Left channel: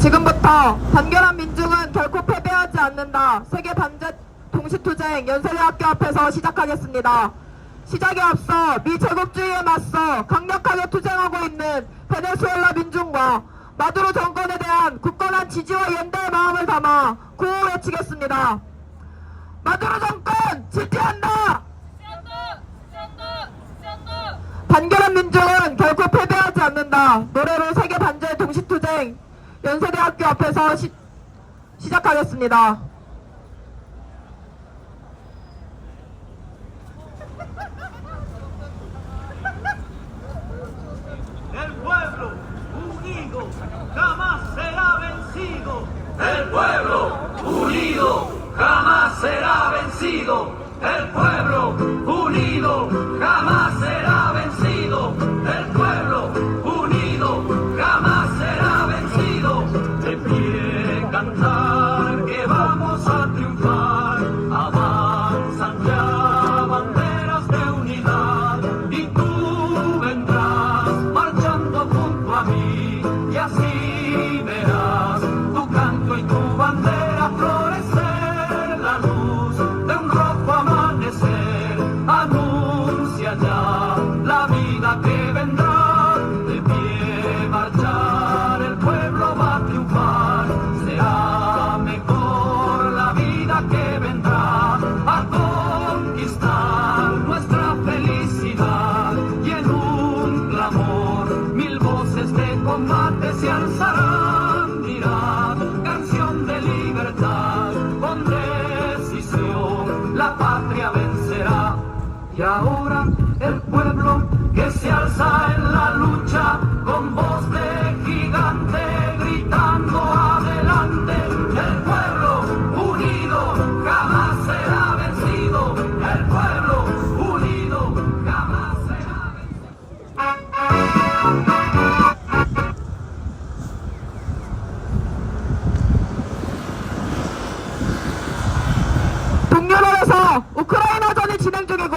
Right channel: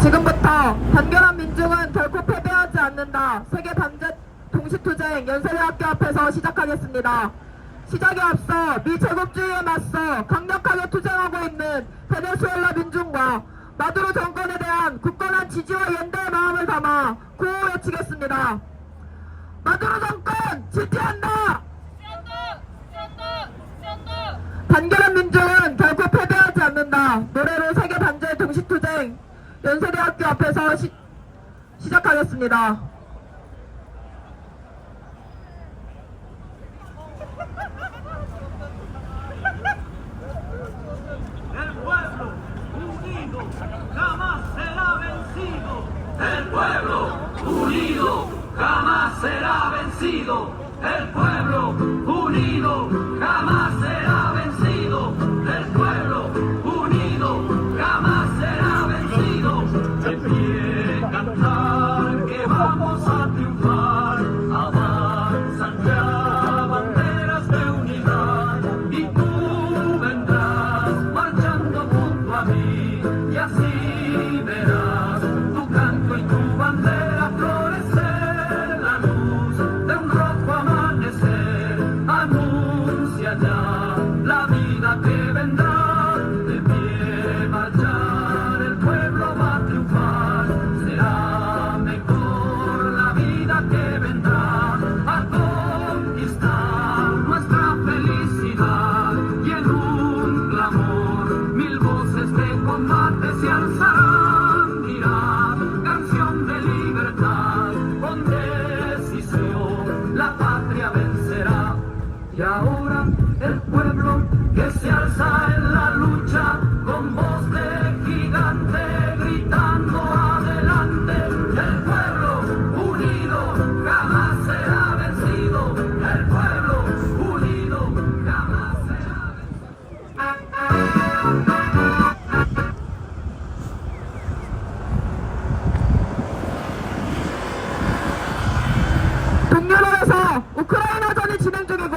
지금부터 단결한 민중은 결코 패배하지 않는다. 세계 반제 동시투쟁 연세대학교 앞에서 시작하겠습니다. 시작에 앞서 미 제국주의에 맞서 강력하게 투쟁하고 있는 베네수엘라 민중과 마두로 정권에 대한 굳건한 지지와 연대의 마음을 담아 구호 외치겠습니다. 마두로 정권 지지한다! 단결한 민중은 결코 패배하지 않는다. 노래로 세계 반제 동시투쟁 연세대학교 앞에서 시작하겠습니다. El pueblo unido jamás será vencido. El pueblo unido jamás será vencido. El pueblo unido jamás será vencido. El pueblo unido jamás será vencido. De pie cantar que vamos a triunfar. Avanzan ya banderas de unidad y tú vendrás marchando junto a mí y así verás tu canto y tu bandera florecer. La luz de un rojo amanecer anuncia ya la vida que vendrá. De pie marchar el pueblo va a triunfar. Será mejor la vida que vendrá a conquistar nuestra felicidad. Y en un clamor mil voces de combate se alzarán. Mirad, canción de libertad, con decisión la patria vencerá. Y ahora el pueblo que se alza en la lucha con voz de gigante gritando adelante. El pueblo unido jamás será vencido. El pueblo unido jamás será 동유럽에서 우크라이나전이 진행 중이고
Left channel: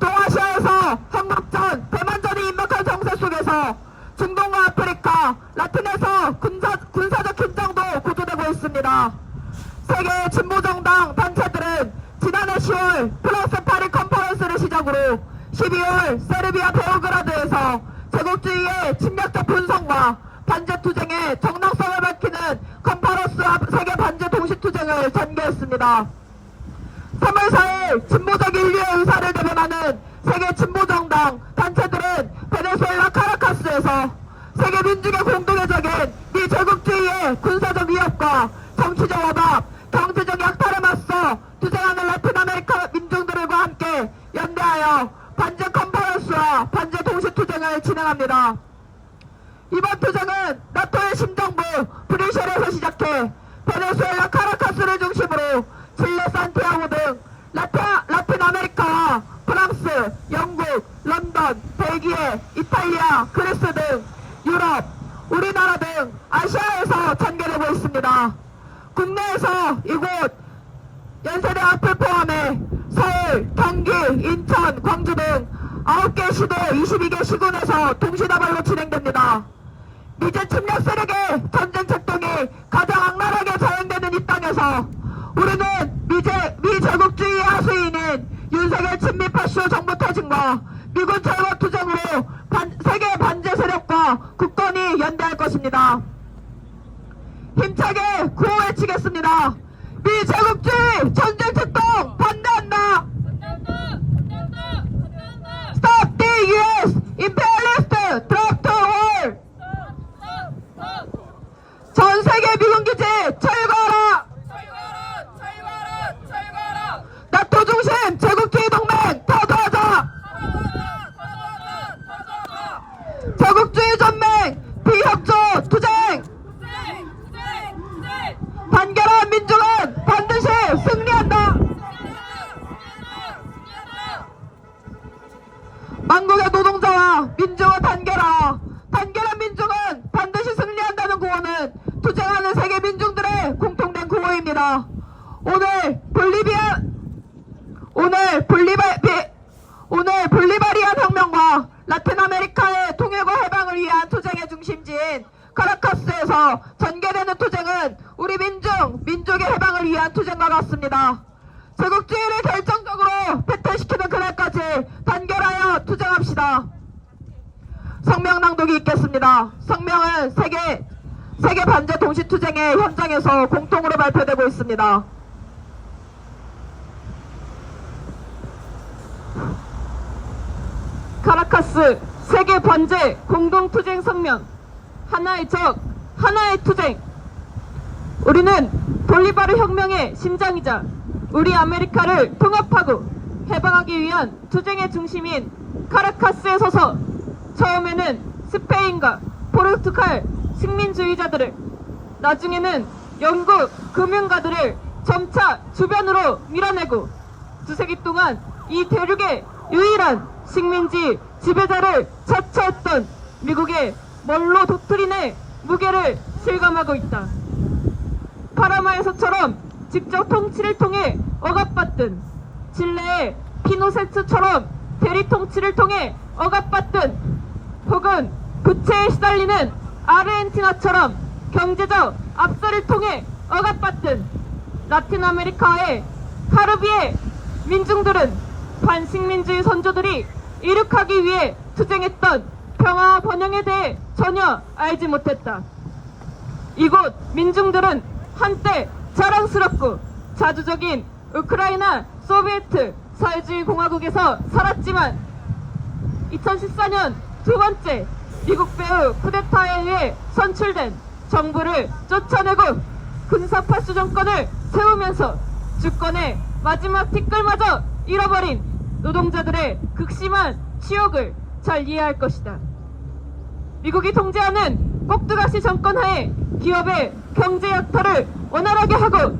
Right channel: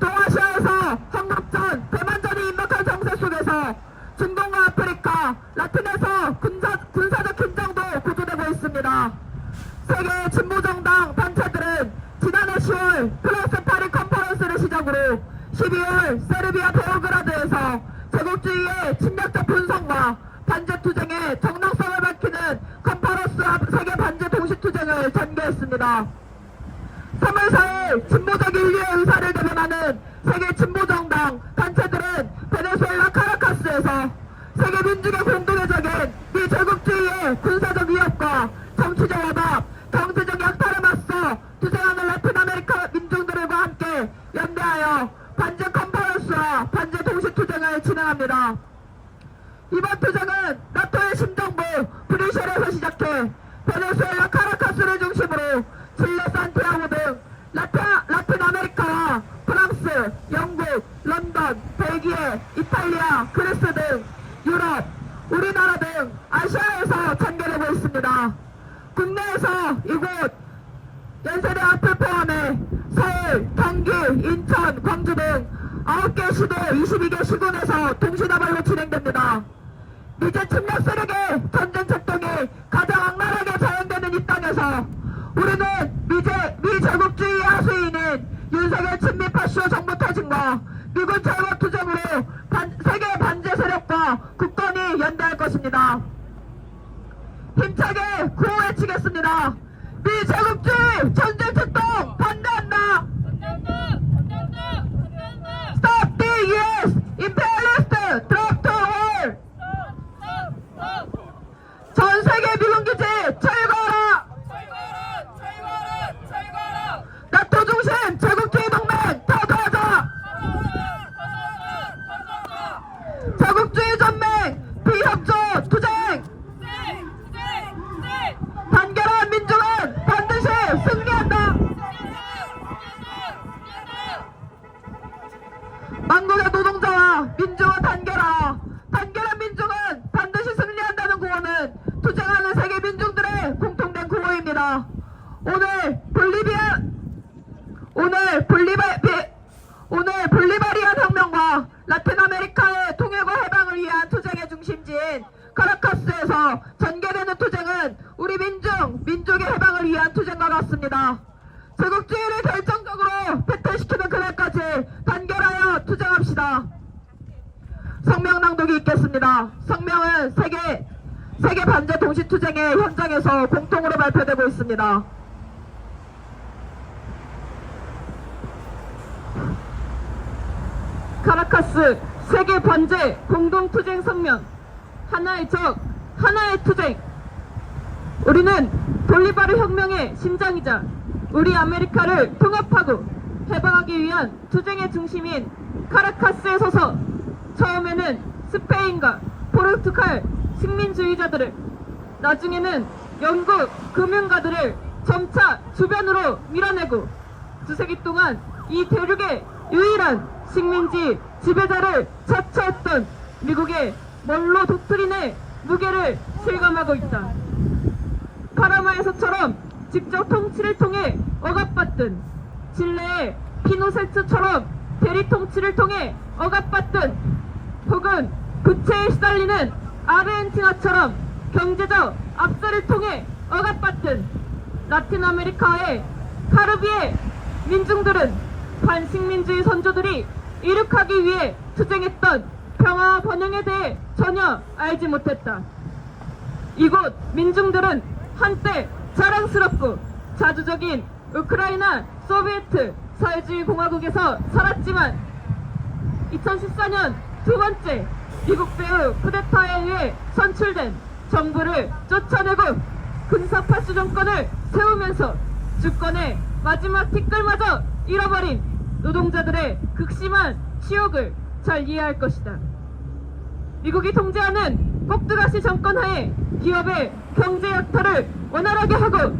동아시아에서 한국전, 대만전이 임박한 정세 속에서 중동과 아프리카, 라틴에서 군사적 긴장도 고조되고 있습니다. 세계 진보정당 단체들은 지난해 10월 프랑스 파리 컨퍼런스를 시작으로 12월 세르비아 베오그라드에서 제국주의의 침략적 분석과 반제투쟁의 정당성을 밝히는 컨퍼런스 앞 세계 반제 동시투쟁을 전개했습니다. 3월 4일 진보적 인류의 의사를 대변하는 세계 진보정당 단체들은 베네수엘라 카라카스에서 세계 민중의 공동의 적인 미 제국주의의 군사적 위협과 정치적 억압, 경제적 약탈에 맞서 투쟁하는 라틴 아메리카 민중들과 함께 연대하여 반제 컨퍼런스와 반제 동시투쟁을 진행합니다. 이번 투쟁은 나토의 심정부 브뤼셀에서 시작해 베네수엘라 카라카스를 중심으로 칠레 산티아고 등 라틴 아메리카와 프랑스, 영국, 런던, 벨기에, 이탈리아, 그리스 등 유럽, 우리나라 등 아시아에서 전개되고 있습니다. 국내에서 이곳 연세대 앞을 포함해 서울, 경기, 인천, 광주 등 9개 시도 22개 시군에서 동시다발로 진행됩니다. 미제 침략 세력의 전쟁策동이 가장 악랄하게 자행되는 이 땅에서 우리는 미 제국주의의 하수인인 윤석열 친미파쇼 정부 퇴진과 미군 철거 투쟁으로 세계 반제 세력과 굳건히 연대할 것입니다. 힘차게 구호 외치겠습니다. 미 제국주의 전쟁策동 반대한다. Stop the US imperialist drop to war. 전 세계 미군 기지 철거하라. 나토 중심 제국주의 동맹 타도하자. 제국주의 전맹 비협조 투쟁. 단결한 민중은 반드시 승리한다. 만국의 노동자와 민중을 단결하라. 단결한 민중은 반드시 승리한다는 구호는 투쟁하는 세계 민중들의 공통된 구호입니다. 오늘 볼리바리안 혁명과 라틴 아메리카의 통일과 해방을 위해 앞에서 전개되는 투쟁은 우리 민족의 해방을 위한 투쟁과 같습니다. 제국주의를 결정적으로 패퇴시키는 그날까지 단결하여 투쟁합시다. 성명 낭독이 있겠습니다. 성명은 세계 반제 동시투쟁의 현장에서 공통으로 발표되고 있습니다. 카라카스 세계 반제 공동투쟁 성명. 하나의 적, 하나의 투쟁. 우리는 볼리바르 혁명의 심장이자 우리 아메리카를 통합하고 해방하기 위한 투쟁의 중심인 카라카스에 서서 처음에는 스페인과 포르투갈 식민주의자들을, 나중에는 영국 금융가들을 점차 주변으로 밀어내고 두세기 동안 이 대륙의 유일한 식민지 지배자를 자처했던 미국의 먼로 독트린의 무게를 실감하고 있다. 파라마에서처럼 직접 통치를 통해 억압받든, 칠레의 피노세트처럼 대리 통치를 통해 억압받든, 혹은 부채에 시달리는 아르헨티나처럼 경제적 압살을 통해 억압받든, 라틴 아메리카의 카리비의 민중들은 반식민주의 선조들이 이륙하기 위해 투쟁했던 평화와 번영에 대해 전혀 알지 못했다. 이곳 민중들은 한때 자랑스럽고 자주적인 우크라이나 소비에트 사회주의 공화국에서 살았지만 2014년 두 번째 미국 배후 쿠데타에 의해 선출된 정부를 쫓아내고 군사파수 정권을 세우면서 주권의 마지막 티끌마저 잃어버린 노동자들의 극심한 치욕을 잘 이해할 것이다. 미국이 통제하는 꼭두가시 정권 하에 기업의 경제 약탈을 원활하게 하고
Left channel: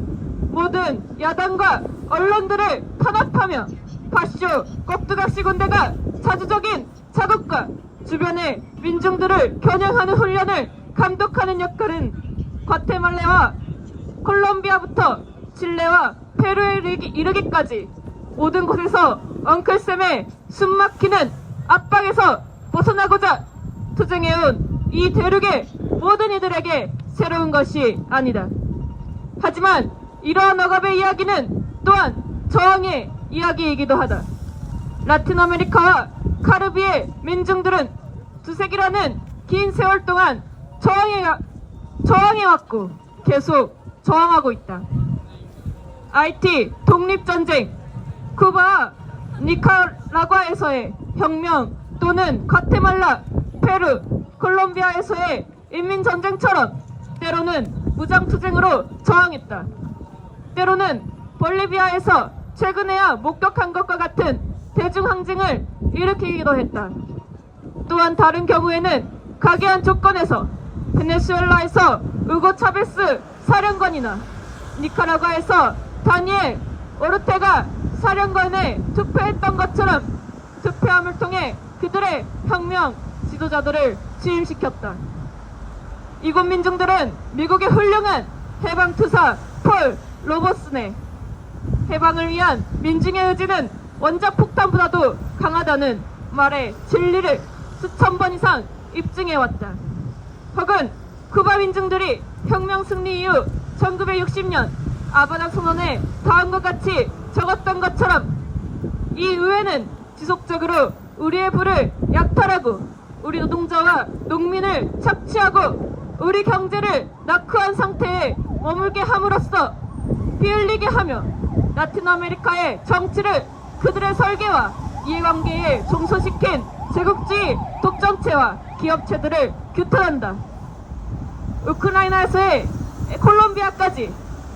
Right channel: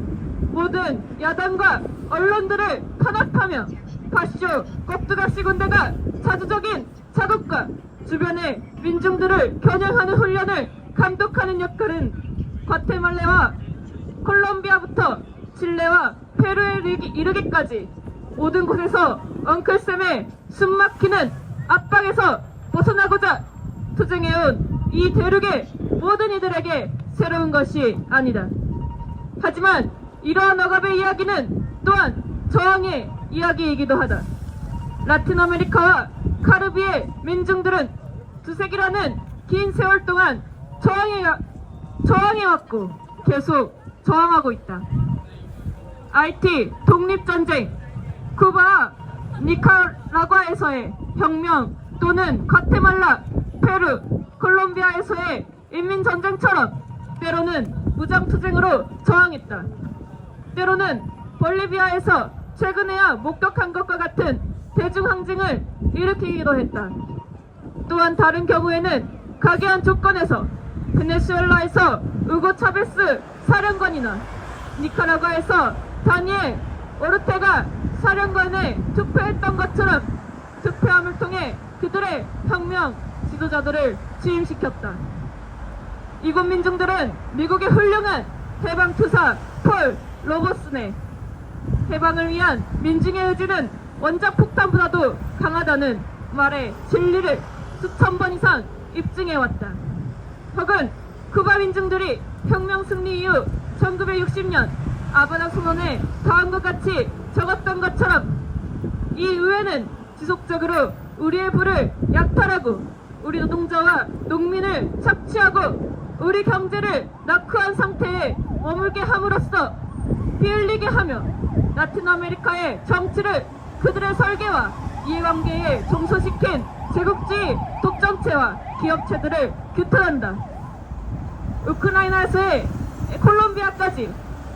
모든 야당과 언론들을 탄압하며 파쇼 꼭두가시 군대가 자주적인 자국과 주변의 민중들을 겨냥하는 훈련을 감독하는 역할은 과테말라와 콜롬비아부터 칠레와 페루에 이르기까지 모든 곳에서 엉클샘의 숨막히는 압박에서 벗어나고자 투쟁해온 이 대륙의 모든 이들에게 새로운 것이 아니다. 하지만 이러한 억압의 이야기는 또한 저항의 이야기이기도 하다. 라틴 아메리카와 카리비의 민중들은 두세기라는 긴 세월 동안 저항해왔고 계속 저항하고 있다. 아이티 독립전쟁, 쿠바와 니카라과에서의 혁명 또는 과테말라, 페루, 콜롬비아에서의 인민전쟁처럼 때로는 무장투쟁으로 저항했다. 때로는 볼리비아에서 최근에야 목격한 것과 같은 대중항쟁을 일으키기도 했다. 또한 다른 경우에는 각이한 조건에서 베네수엘라에서 우고 차베스 사령관이나 니카라과에서 다니엘 오르테가 사령관에 투표했던 것처럼 투표함을 통해 그들의 혁명 지도자들을 취임시켰다. 이곳 민중들은 미국의 훌륭한 해방투사 폴 로버슨의 해방을 위한 민중의 의지는 원자폭탄보다도 강하다는 말에 진리를 수천 번 이상 입증해왔다. 혹은 쿠바 민중들이 혁명 승리 이후 1960년 아바나 선언에 다음과 같이 적었던 것처럼 이 의회는 지속적으로 우리의 부를 약탈하고 우리 노동자와 농민을 착취하고 우리 경제를 낙후한 상태에 머물게 함으로써 피 흘리게 하며 라틴 아메리카의 정치를 그들의 설계와 이해관계에 종소시킨 제국주의 독점체와 기업체들을 규탄한다. 우크라이나에서의 콜롬비아까지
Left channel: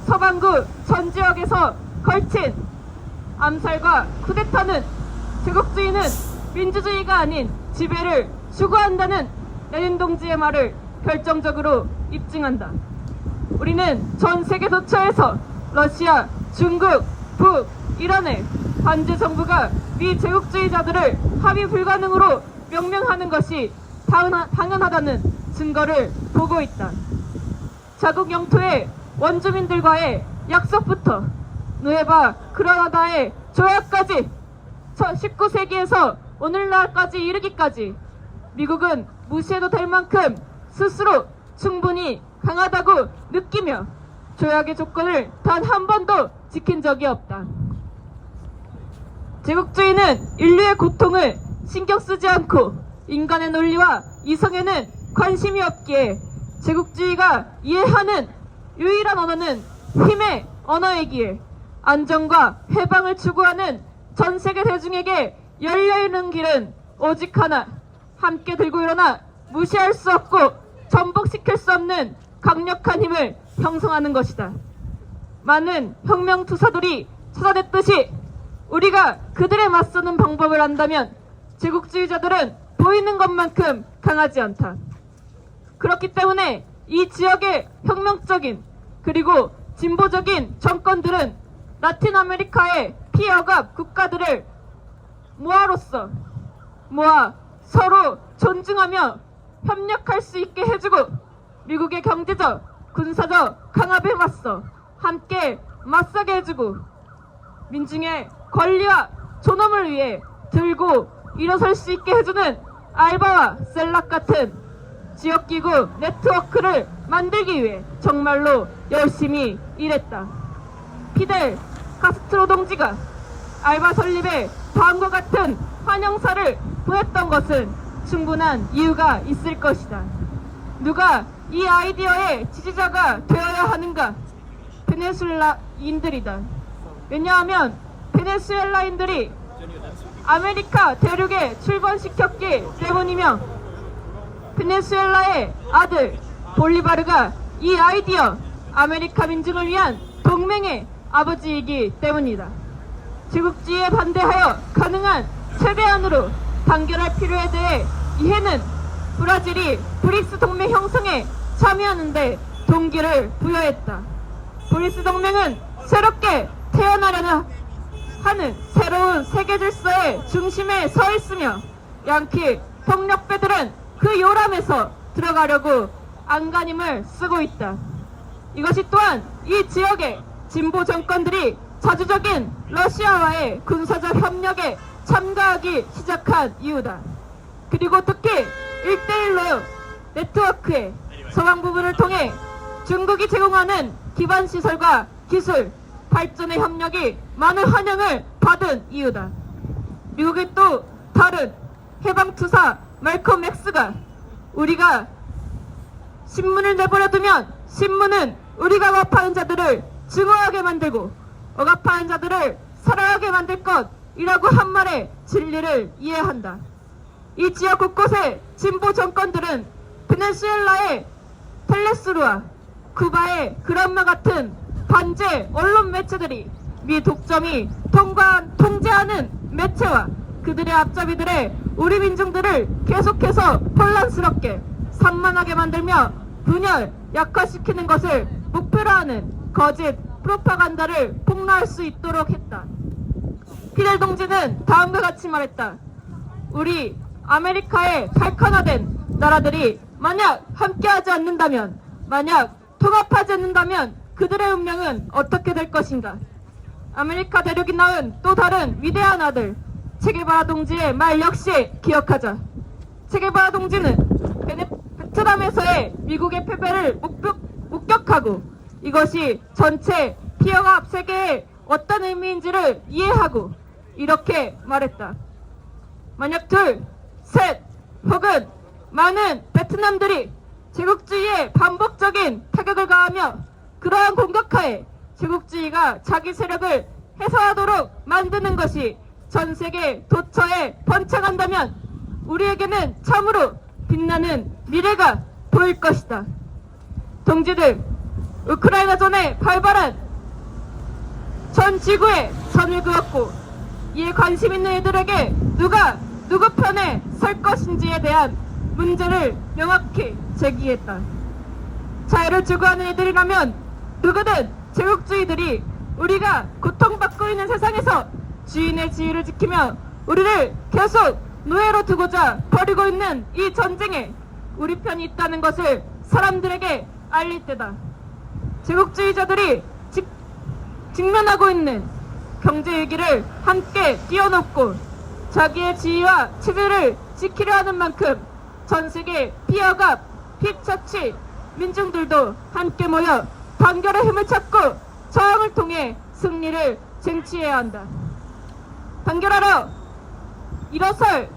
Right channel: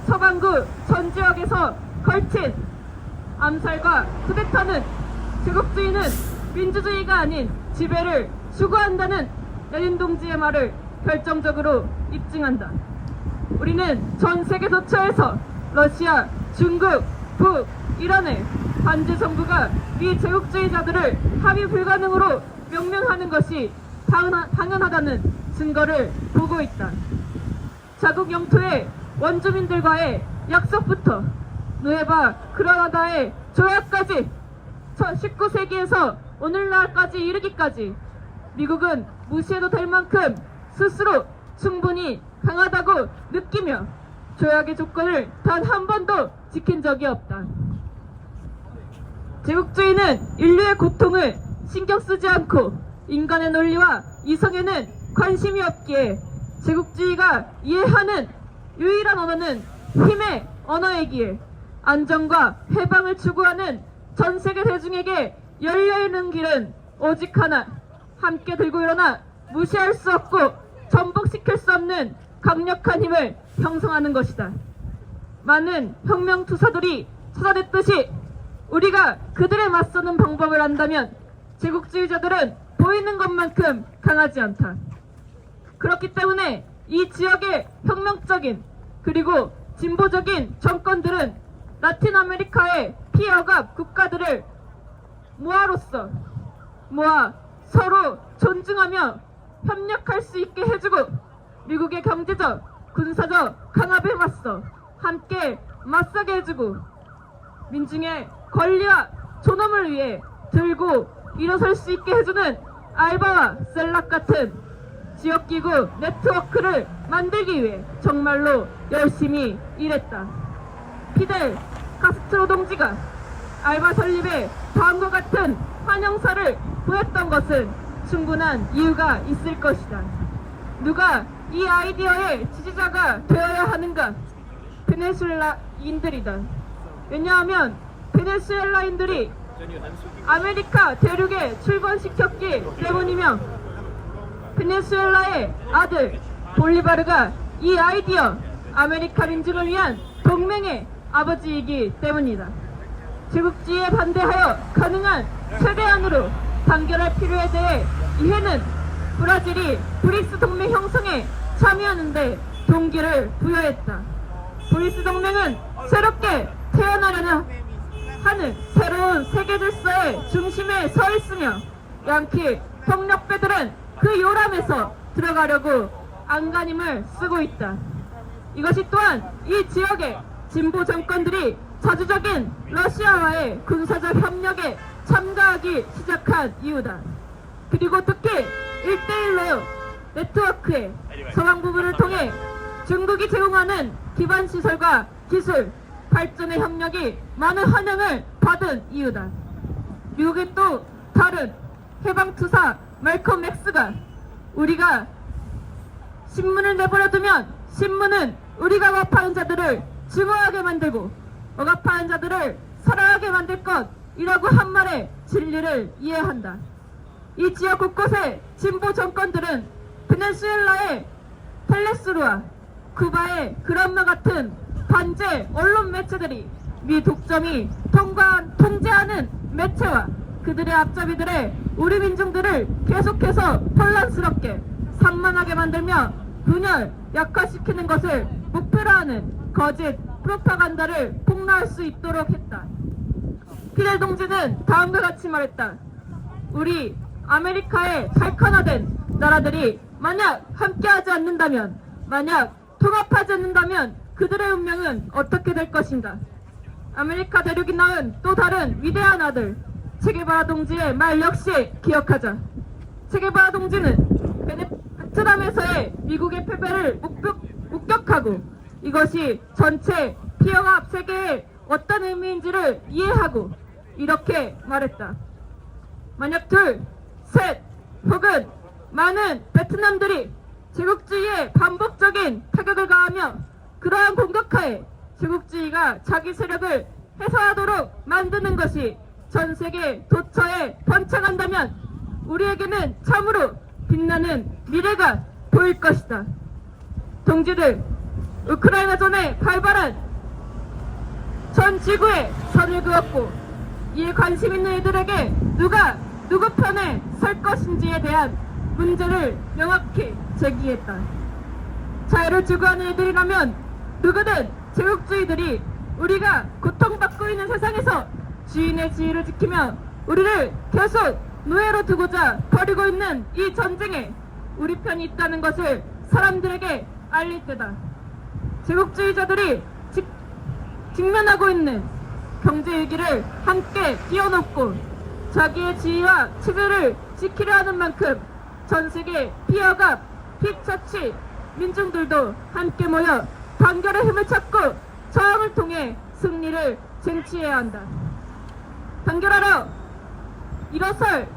서반구 전 지역에서 걸친 암살과 쿠데타는 제국주의는 민주주의가 아닌 지배를 추구한다는 레닌 동지의 말을 결정적으로 입증한다. 우리는 전 세계 도처에서 러시아, 중국, 북, 이란의 반제 정부가 미 제국주의자들을 합의 불가능으로 명명하는 것이 당연하다는 증거를 보고 있다. 자국 영토의 원주민들과의 약속부터 누에바 그라나다의 조약까지 19세기에서 오늘날까지 이르기까지 미국은 무시해도 될 만큼 스스로 충분히 강하다고 느끼며 조약의 조건을 단 한 번도 지킨 적이 없다. 제국주의는 인류의 고통을 신경 쓰지 않고 인간의 논리와 이성에는 관심이 없기에 제국주의가 이해하는 유일한 언어는 힘의 언어이기에 안정과 해방을 추구하는 전 세계 대중에게 열려있는 길은 오직 하나, 함께 들고 일어나 무시할 수 없고 전복시킬 수 없는 강력한 힘을 형성하는 것이다. 많은 혁명투사들이 찾아냈듯이 우리가 그들에 맞서는 방법을 안다면 제국주의자들은 보이는 것만큼 강하지 않다. 그렇기 때문에 이 지역의 혁명적인 그리고 진보적인 정권들은 라틴 아메리카의 피어갑 국가들을 모아 서로 존중하며 협력할 수 있게 해주고 미국의 경제적, 군사적 강압에 맞서 함께 맞서게 해주고 민중의 권리와 존엄을 위해 들고 일어설 수 있게 해주는 알바와 셀락 같은 지역기구 네트워크를 만들기 위해 정말로 열심히 일했다. 피델 카스트로 동지가 알바 설립에 다음과 같은 환영사를 보냈던 것은 충분한 이유가 있을 것이다. 누가 이 아이디어의 지지자가 되어야 하는가? 베네수엘라인들이다. 왜냐하면 베네수엘라인들이 아메리카 대륙에 출범시켰기 때문이며 베네수엘라의 아들 볼리바르가 이 아이디어 아메리카 민중을 위한 동맹의 아버지이기 때문이다. 제국주의에 반대하여 가능한 최대한으로 단결할 필요에 대해 이해는 브라질이 브릭스 동맹 형성에 참여하는데 동기를 부여했다. 브릭스 동맹은 새롭게 태어나려는 하는 새로운 세계 질서의 중심에 서 있으며 양키 폭력배들은 그 요람에서 들어가려고 안간힘을 쓰고 있다. 이것이 또한 이 지역의 진보 정권들이 자주적인 러시아와의 군사적 협력에 참가하기 시작한 이유다. 그리고 특히 1대1로 네트워크의 서방 부분을 통해 중국이 제공하는 기반시설과 기술, 발전의 협력이 많은 환영을 받은 이유다. 미국의 또 다른 해방투사 말콤 X가 우리가 신문을 내버려두면 신문은 우리가 억압하는 자들을 증오하게 만들고 억압하는 자들을 살아가게 만들 것이라고 한 말의 진리를 이해한다. 이 지역 곳곳의 진보 정권들은 베네수엘라의 텔레스루와 쿠바의 그란마 같은 반제 언론 매체들이 미 독점이 통제하는 매체와 그들의 앞잡이들의 우리 민중들을 계속해서 혼란스럽게 산만하게 만들며 분열, 약화시키는 것을 목표로 하는 거짓 프로파간다를 폭로할 수 있도록 했다. 피델 동지는 다음과 같이 말했다. 우리 아메리카의 발칸화된 나라들이 만약 함께하지 않는다면, 만약 통합하지 않는다면 그들의 운명은 어떻게 될 것인가? 아메리카 대륙이 낳은 또 다른 위대한 아들 체게바라 동지의 말 역시 기억하자. 체게바라 동지는 베트남에서의 미국의 패배를 목격하고 이것이 전체 피어갑 세계에 어떤 의미인지를 이해하고 이렇게 말했다. 만약 둘, 셋 혹은 많은 베트남들이 제국주의에 반복적인 타격을 가하며 그러한 공격하에 제국주의가 자기 세력을 해소하도록 만드는 것이 전 세계 도처에 번창한다면 우리에게는 참으로 빛나는 미래가 보일 것이다. 동지들, 우크라이나전에 발발한 전 지구에 선을 그었고 이에 관심 있는 이들에게 누가 누구 편에 설 것인지에 대한 문제를 명확히 제기했다. 자유를 추구하는 이들이라면 누구든 제국주의들이 우리가 고통받고 있는 세상에서 주인의 지위를 지키며 우리를 계속 노예로 두고자 벌이고 있는 이 전쟁에 우리 편이 있다는 것을 사람들에게 알릴 때다. 제국주의자들이 직면하고 있는 경제 위기를 함께 뛰어넘고 자기의 지위와 체제를 지키려 하는 만큼 전 세계 피어갑, 힙처치, 민중들도 함께 모여 단결의 힘을 찾고 저항을 통해 승리를 쟁취해야 한다. 단결하러 일어설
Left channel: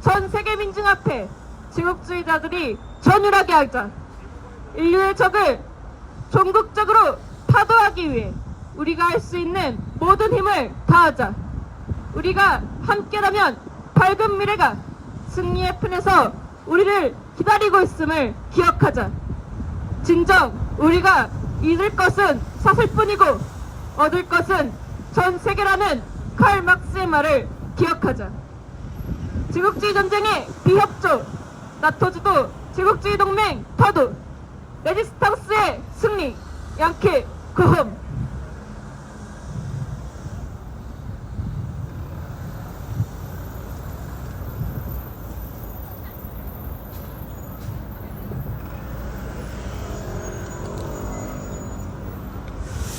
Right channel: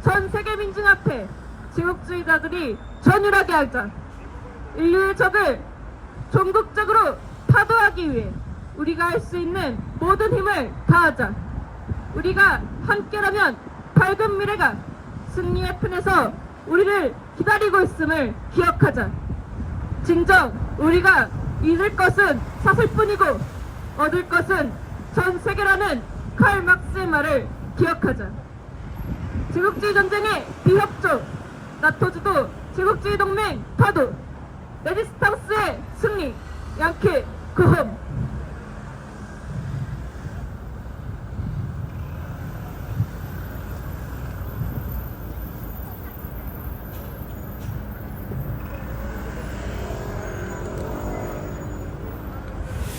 전 세계 민중 앞에 제국주의자들이 전율하게 하자. 인류의 적을 종국적으로 파도하기 위해 우리가 할 수 있는 모든 힘을 다하자. 우리가 함께라면 밝은 미래가 승리의 편에서 우리를 기다리고 있음을 기억하자. 진정 우리가 잃을 것은 사슬뿐이고 얻을 것은 전 세계라는 칼 막스의 말을 기억하자. 제국주의 전쟁의 비협조, 나토주도 제국주의 동맹 타도, 레지스탕스의 승리, 양킬 고홈.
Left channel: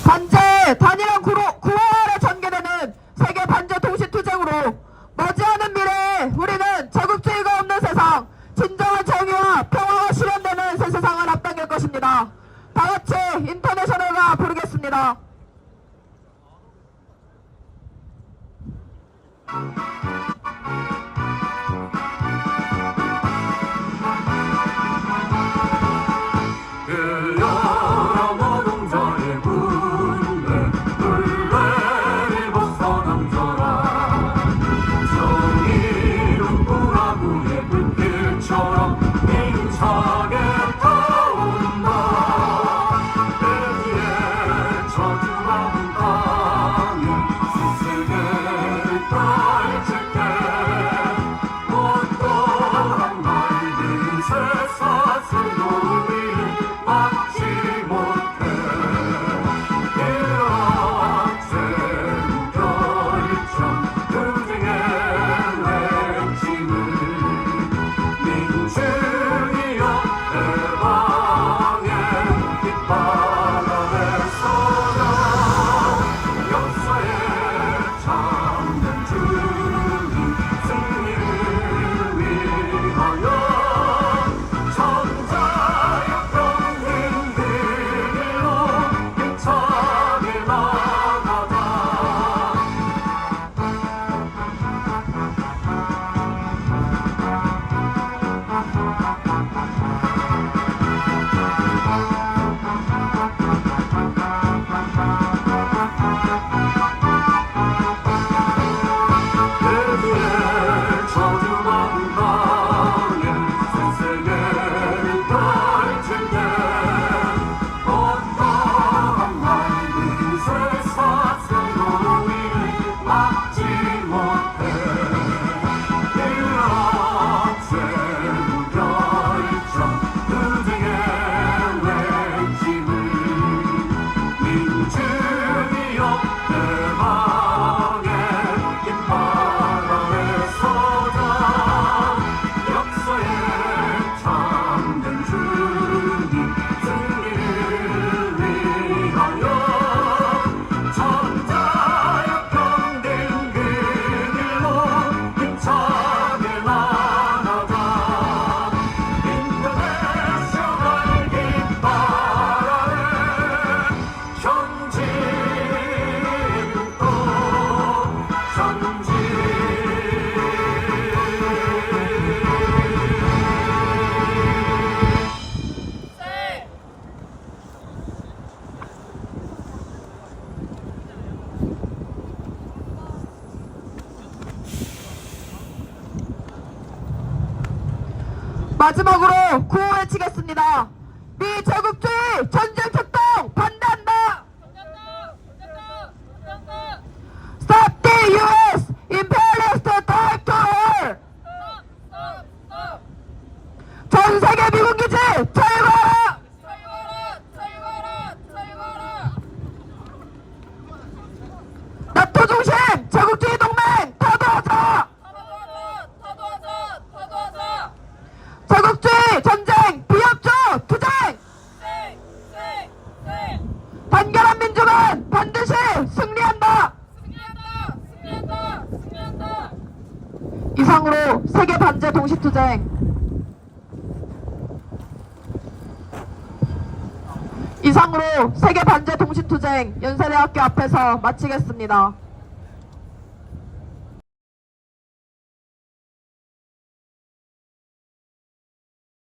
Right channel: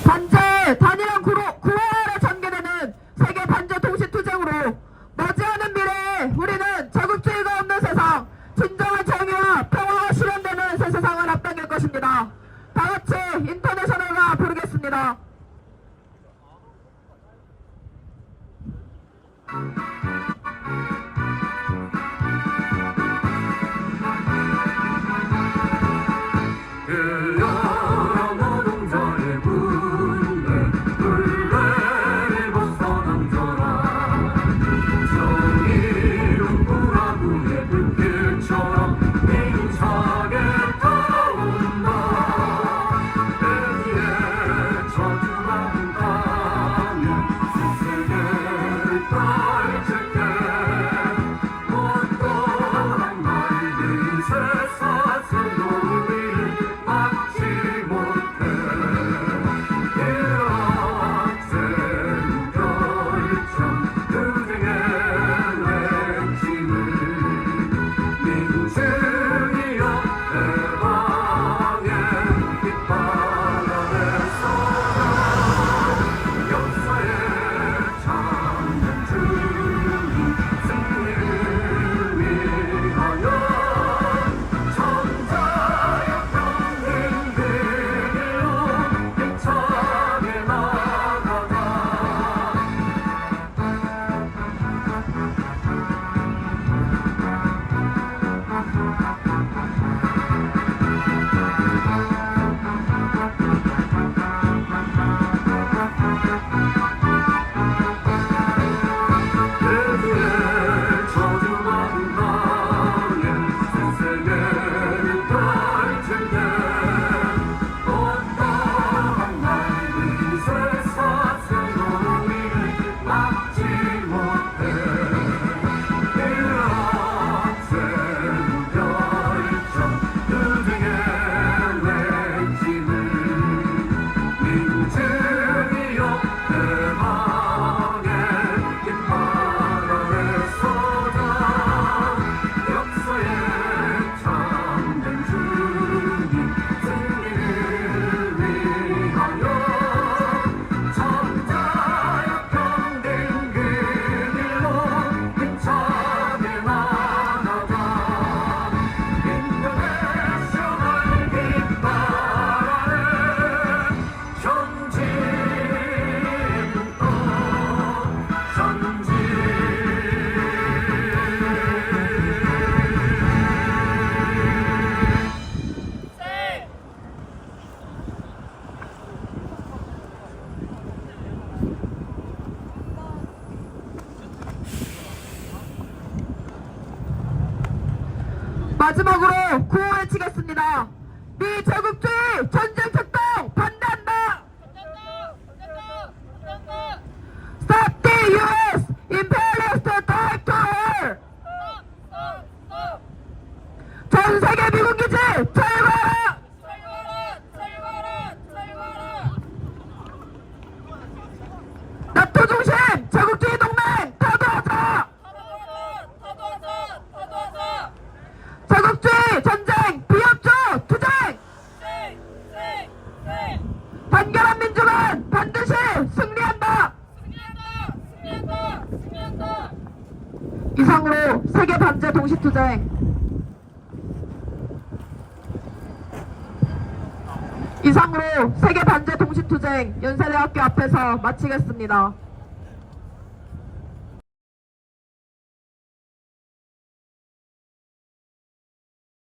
반제 단일한 구호아래 전개되는 세계 반제 동시투쟁으로 머지않은 미래에 우리는 제국주의가 없는 세상, 진정한 정의와 평화가 실현되는 새 세상을 앞당길 것입니다. 다같이 인터내셔널가 부르겠습니다. 그 여러 노동자의 굴레를 벗어남져라. 정의로운 불화구의 불길처럼 힘차게 타온다. 의지의 저주받은 땅이 스스로를 펼칠 때 어떠한 맑은 새사슬 우리를 막지 못해. 일어나는 결정 투쟁의 외침을 민중이여 대방의 깃발 아래 서라. 역사의 참된 주님 승리를 위하여 천자의 평등 그 길로 힘차게 나가자. 의지의 저주받은 땅에 새세계를 펼칠 때 어떠한 맑은 새사슬 우리를 막지 못해. 일어나는 결정 투쟁의 외침을 민중이여 대방의 깃발 아래 서자. 역사의 참된 주님 승리를 위하여 천자의 평등 그 길로 힘차게 나가자. 인터내셔널 깃발 아래 전진 또 전진. 마지막으로 구호 외치겠습니다. 미제국주의 전쟁 특동 반대한다. Stop the U.S. imperialist type to war. 전 세계 미군 기지 철거하라. 나토 중심 제국주의 동맹 타도하자. 제국주의 전쟁 비협조 투쟁. 단결한 민족은 반드시 승리한다. 이상으로 세계 반제 동시투쟁 이상으로 세계 반제 동시투쟁 연세대학교 앞에서 마치겠습니다.